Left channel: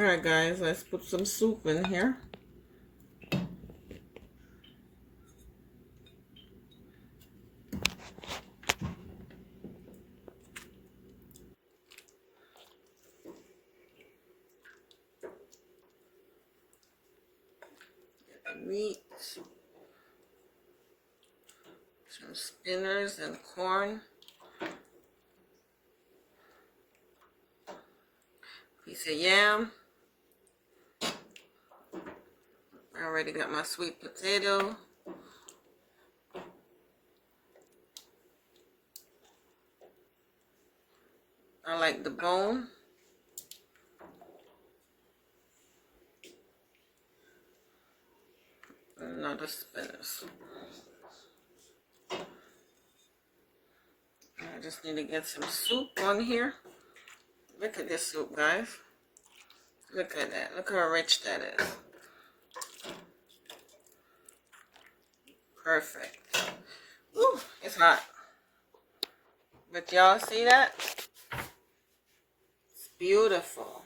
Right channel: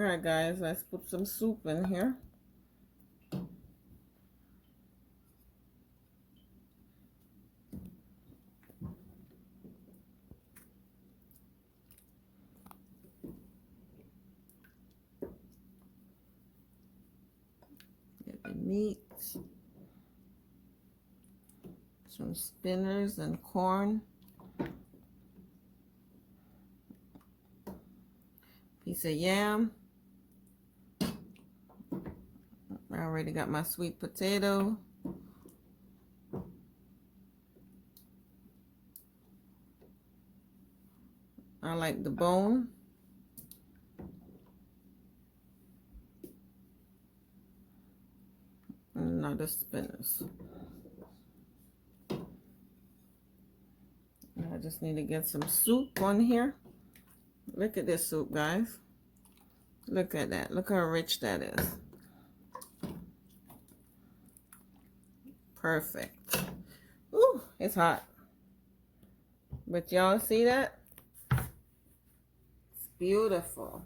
Alright guys, let's put some soup in here. Get the meat. Some spinners and corn. Piece of yam. I already got my sweet potato. I like the bone. And another spinners. I just need to get some soup on here. Look at this soup, guys. Look at that. Look how rich that is. Perfect. Ooh, it's hot. But y'all see that? It's beautiful.